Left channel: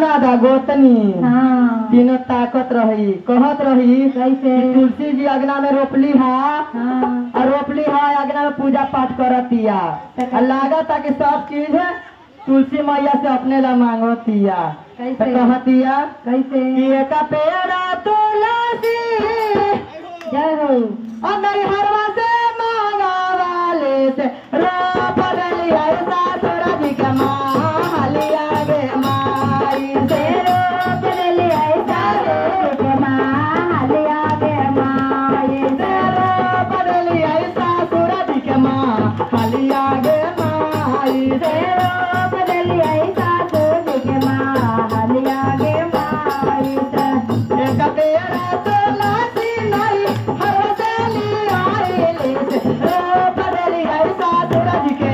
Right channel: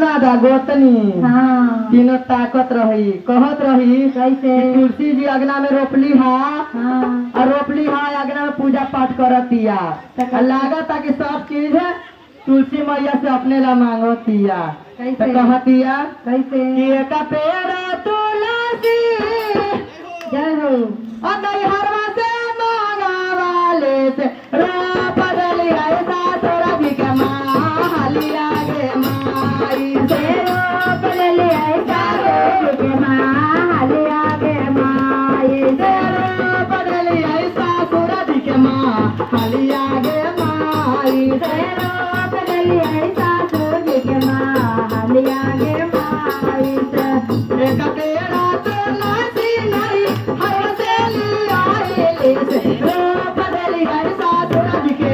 ननद गोतनी तीनों ताकत रही कहत रही कैसे तुलसी जी अगना में रोपली है और रोपली है अगना में पूजा पाठ करतिया लागत कि सब चीज है तुलसी मैया से अपने ला मांगोतिया कहतिया कैसे एक पेड़ा तुलसी जय हो और नैहरवा से मांगा वाले से रोप डली ऐसा तोरा जी के मालिया गे माई से रोप डली ऐसा के मालिया गे माई से रोप डली ऐसा तोरा जी के मालिया गे माई से रोप डली ऐसा तोरा के मालिया गे माई से एक तेरा तुलसी नहीं हर से लिया से रोप डली ऐसा तोरा जी के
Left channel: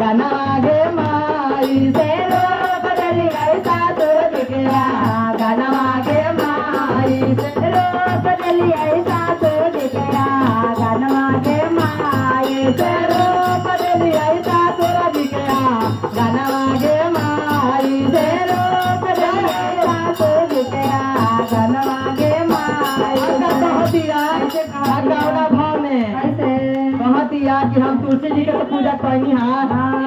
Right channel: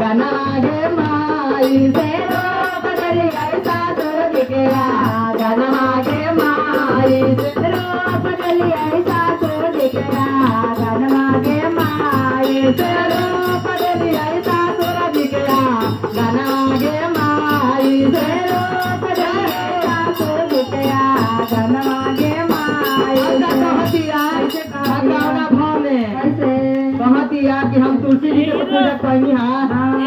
गाना गे माई से रोप डली ऐसा तोरा के गाना गे माई से रोप डली ऐसा तोरा के गाना गे माई से रोप डली ऐसा तोरा जी के गाना गे माई से रोप डली ऐसा तोरा के गाना गे माई कहतिया गावना भाव में कैसे कहतिया कि हम तुलसी जी के तो पूजा करनी है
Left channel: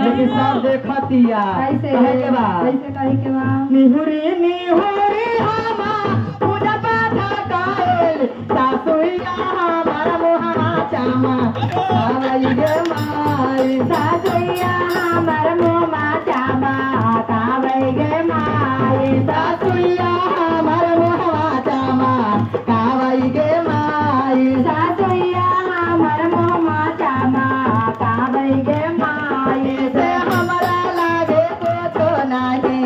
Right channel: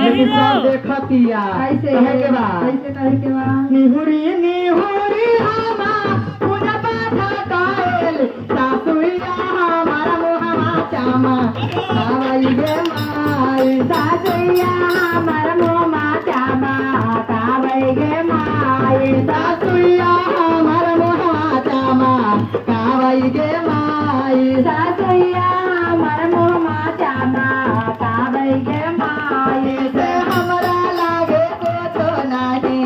लेकिन सब देखतिया कैसे कहे के बाद कैसे कहे के बाद निहुरी निहुरी हमा पूजा पाठ करेल सासुइया हमारा मोहना चामा कावई गे माई सासुइया हमार मोमा चामा कावई गे माई सासुइया हमारा मोहना चामा कावई गे माई सासुइया हमार मोमा चामा कावई गे माई से हमरा लागे कुछ नाही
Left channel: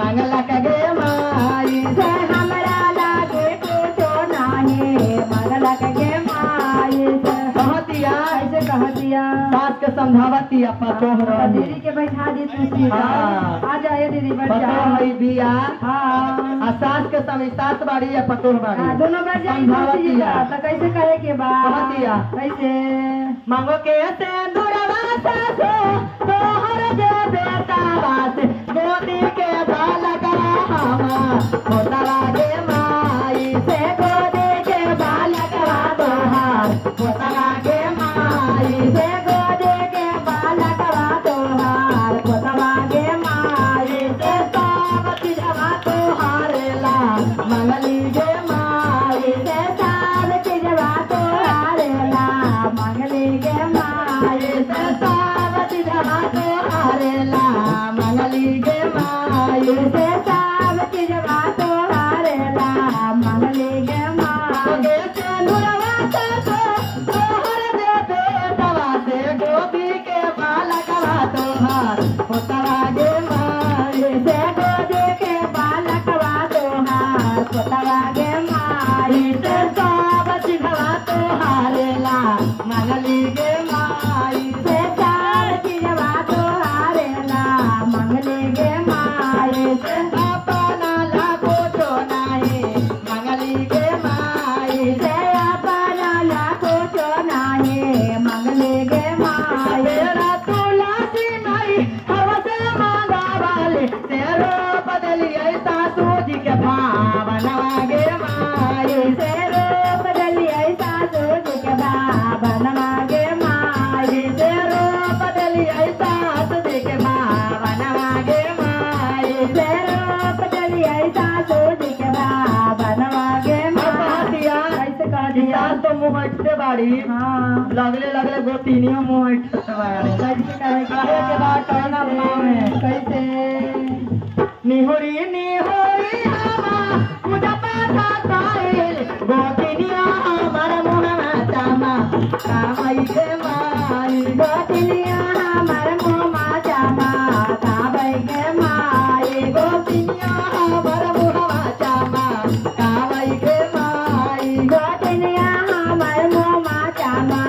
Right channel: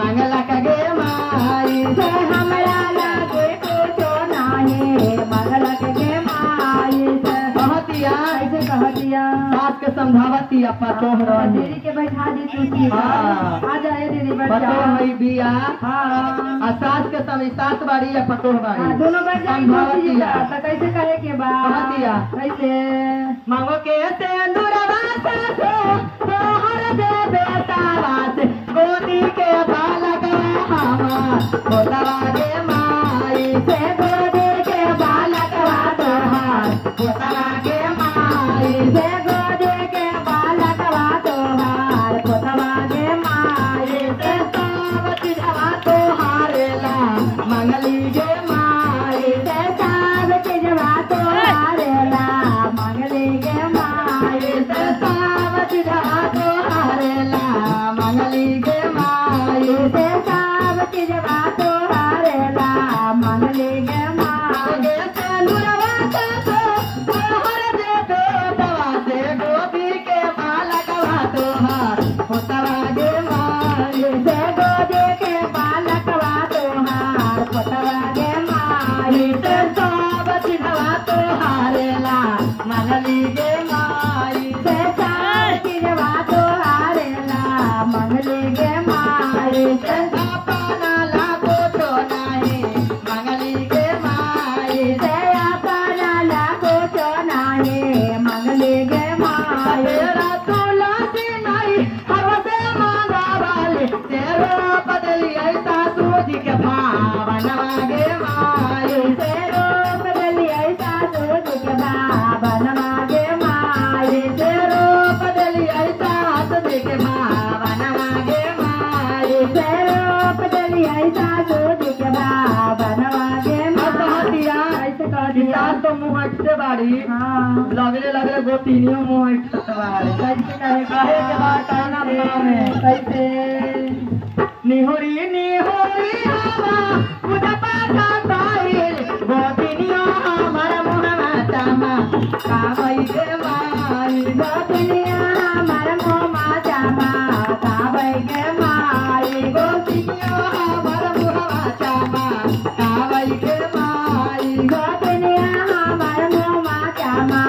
मंगला गे माई से हमरा लागे कुछ नाही मंगला गे माई से कहतिया कैसे कहतिया बात के समझावतिया पतो रही दीदी के बैठा दी तुलसी हाँ। आ जाए दीदी बैठ पतो जाओ है बिया हाँ आ सास के समय सास बाड़ी है पतो बाड़ी दोनों बैठ जाए तुलसी जी का तो कैसे कहे के बा कहतिया कैसे मांगो के से अंदुरवा सासे तोहर दे बेटा वासे गोदी के बालकवा हमा होतवा गे माई से गोदी के बालकवा तोहार होतवा गे माई से गोदी के बालकवा तोहार होतवा गे माई से सावती जवा तोहारेला मंगली गे माई से सावती जवा तोहारेला मंगली गे माई से सावती जवा तोहारेला मंगली गे माई से सावती जवा तोहारेला मंगली गे माई गे से नुरवा सासे तोहर दे बेटवा से गोदी के बालकवा तोहार होतवा गे माई से गोदे के बालकवा तोहार होतवा गे माई से सावती जवा तोहारेला मंगली गे माई से सावती जवा तोहारेला मंगली गे माई से अपना लागो तो नाही मंगली गे माई से अपना लाखो चो नाही मंगली गे माई तेरा तुलसी नहीं हवसे मांगा वाले तेरा बदली ऐसा सूझी के भावना गे माई से रूप डली ऐसा सूझ के भावना गे माई तेरा बदली ऐसा सूझी के भावना गे माई से रूप डली ऐसा सूझ के भावना गे माई कहतिया कैसे कह दिया तो मुँह हटते बाड़ी हाँ लगले लगले गोतिनियों मुँह हटते बाड़ी कैसे कहे कहे के बाद कहना माँ में कैसे निहुरी निहुरी हमा पूजा पाठ करेल गोतिनिया हमर मुहना चामा कावई गे माई गोपिनिया हमर मोमा चामा कावई गे माई गोतिनिया हमर मुहना चामा कावई गे माई गोपिनिया हमर मोमा चामा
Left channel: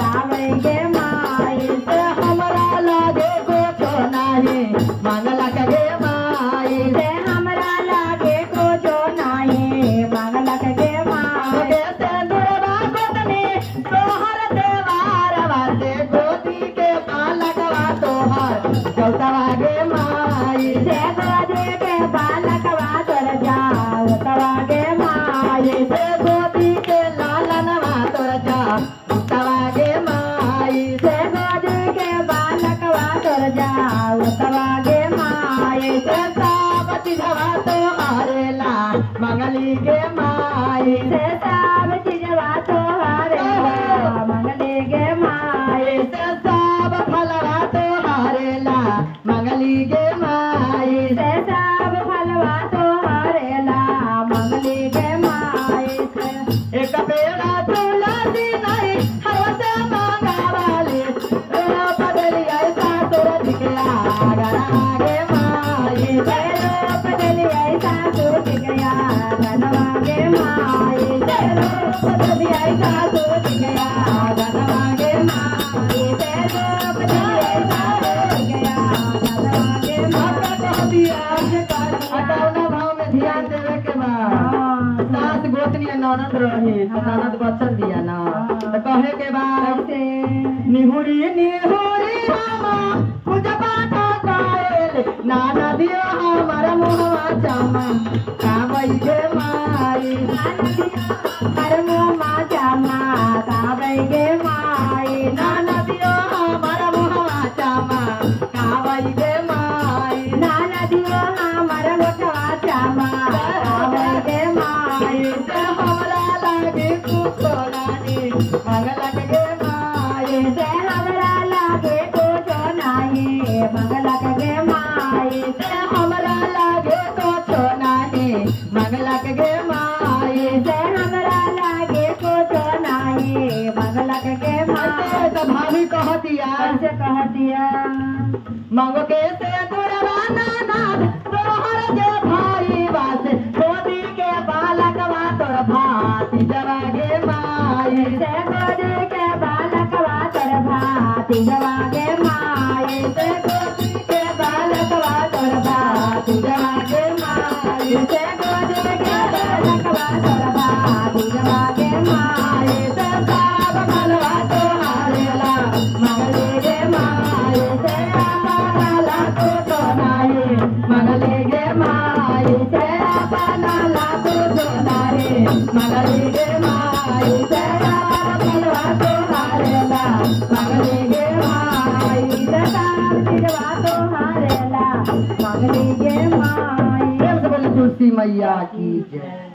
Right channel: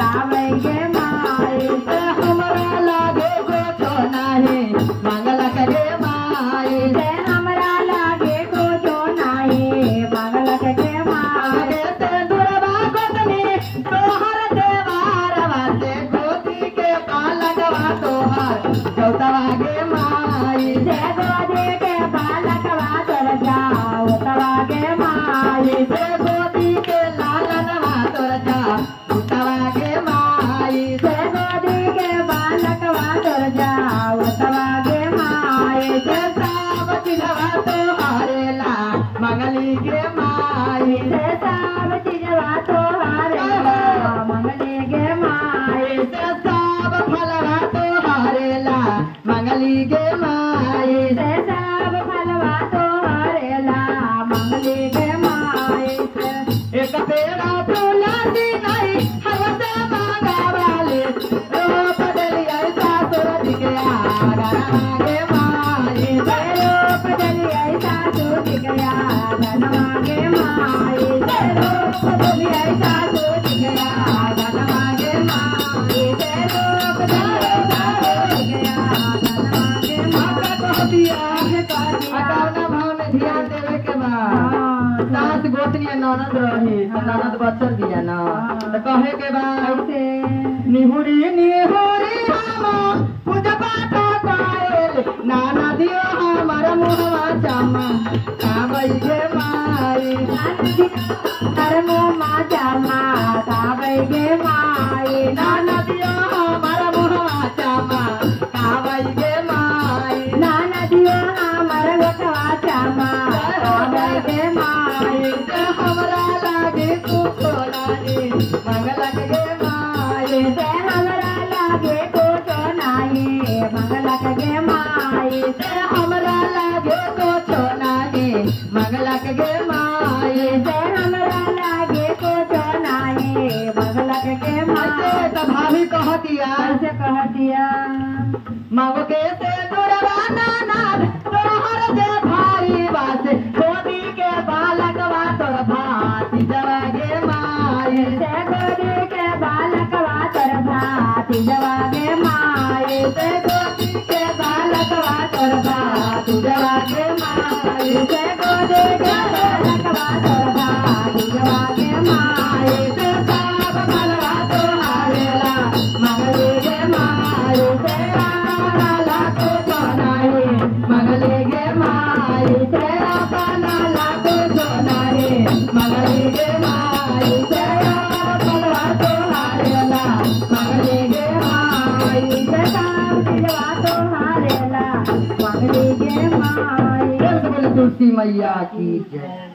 कावई गे माई से हमरा लागे कुछ नाही मंगला गे माई से हमरा लागे कुछो नाही मंगला गे माई गे से दुर्वा गोतनी तोहर देवार वासे गोदी के बालकवा तोहार जौतवा गे माई से गोदे के बालक चीजवा तो हारेला मंगली के माई से सब चीजवा तो हारेला मंगली के माई से सब फलवा तो हारेला मंगली के माई से सब फलवा तो हारेला मंगली के माई से एक बेरा तुलसी नहीं हवस मंगावाले रो बदली ऐसा सूरज के आगा के माई से रूप बदली ऐसा सूरज के आगा के माई से रूप बदली ऐसा सूरज के आगा के माई से रूप बदली ऐसा सूरज के आगा के माई कह दिया अटौना भाव में ध्यान देवे के बाद सास गोतनी ननद रही तो ननद बचन दिया ना तो कहे के बाद से निहुरी निहुरी हम पूजा पाठ करेल नाना दियो हमार मुहवा चमा कामई के माई कर्मो माता माता बैगे माई नाना दियो हमार मुहवा चमा कामई के माई नाना दियो हमर गोटवा चामा बैगे माई से हमरा लागे कुछोरानी मंगलक के माई से हमरा लागे कुछो नाही मंगलक गे माई से हमरा लागे कुछोरानी मंगलक के माई से हमरा लागे कुछो नाही मंगलक गे माई ऐसे तो भाभी कह दिया ऐसे कह दिया मग के से दुरवा नानाद तोहर जे भाई बासे गोदी के बालक वा तोर भाती जवा गे माई से गोदी के बालक वा तोर भाती जवा गे माई से गोदी के बालक वा तोर भाती जवा गे माई से गोदी के बालक वा तोर भाती जवा गे माई से सब फलवा तो हारेला मंगले गे माई से अपना तो जोनाई मंगले गे माई से अपना तो जोनाई मंगले गे माई से फलवा तो हारेला मंगले गे माई से सब जवा तो हारेला मंगली गे माई तुलसी मैया की जय।